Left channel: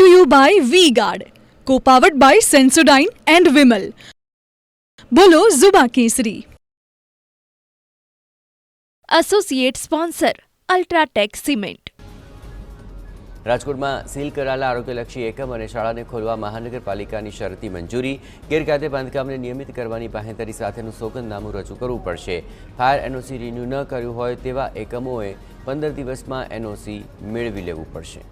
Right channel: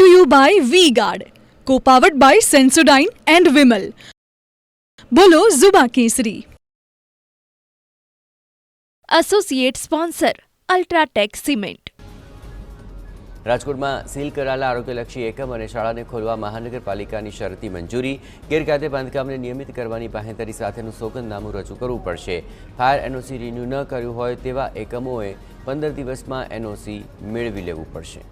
Brought to you by Vega, powered by Sensodyne and Vinyl. Grow ZFC. Associate sponsor UltraTech cement. રાજકોટમાં સીલ કરાયેલા આરોગ્યલક્ષી એકમ અને શાળાને ખોલવા મહાનગરપાલિકાની શરતી મંજૂરી. ગેરકાયદે બાંધકામને નિયમિત કરવાની બાંહેધરી સાથેનું સોગંદનામું રજૂ કરવું પડશે. ફાયર એનઓસી રિન્યૂ ન કર્યું હોય તેવા એકમોએ 15 દિવસમાં એનઓસી મેળવી લેવું પડશે.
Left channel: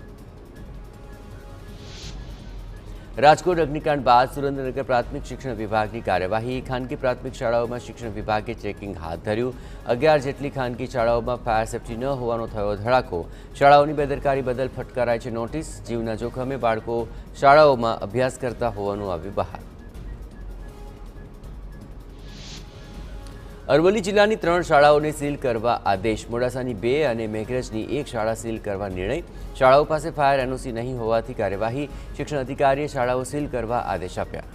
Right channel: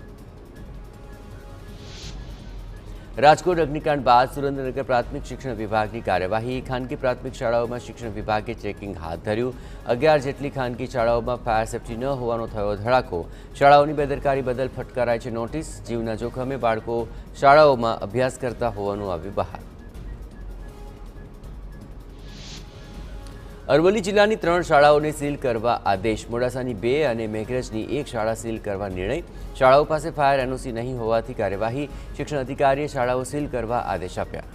રાજકોટ અગ્નિકાંડ બાદ સુરેન્દ્રનગર પ્રાથમિક શિક્ષણ વિભાગની કાર્યવાહી. ખાનગી પ્રાથમિક શાળાઓમાં શિક્ષણ વિભાગે ચેકિંગ હાથ ધર્યું. 11 જેટલી ખાનગી શાળાઓમાં ફાયર સેફટી ન હોવાનો થયો ધડાકો. શાળાઓની બેદરકારી બદલ ફટકારાય છે નોટિસ. જીવના જોખમે બાળકો શાળાઓમાં અભ્યાસ કરતા હોવાનું આવ્યું બહાર. અરવલ્લી જિલ્લાની 3 શાળાઓને સીલ કરવા આદેશ. મોડાસાની 2 અને મેઘરજની 1 શાળા સીલ કરવા નિર્ણય. શાળાઓ પાસે ફાયર એનઓસી નહીં હોવાથી કાર્યવાહી. શિક્ષણ અધિકારીએ શાળાઓ સીલ કરવા આદેશ આપ્યા.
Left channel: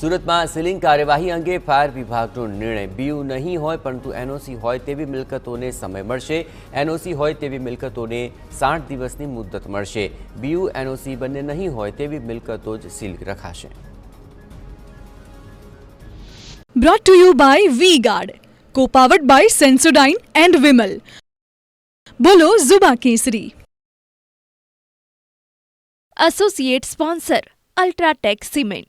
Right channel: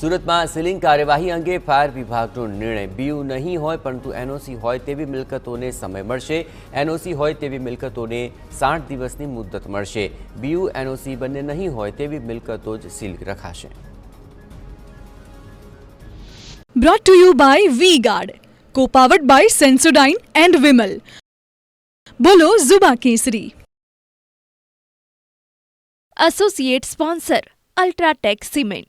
સુરતમાં સીલિંગ કાર્યવાહી અંગે ફાયર વિભાગનો નિર્ણય. બીયુ નહીં હોય પરંતુ એનઓસી હોય તેવી મિલકતોને સમય મળશે. એનઓસી હોય તેવી મિલકતોને 60 દિવસની મુદત મળશે. બીયુ એનઓસી બંને નહીં હોય તેવી મિલકતો જ સીલ રખાશે. Brought to you by Vega, powered by Sensodyne and Vinyl. Grow ZFC. Associate sponsor UltraTech cement.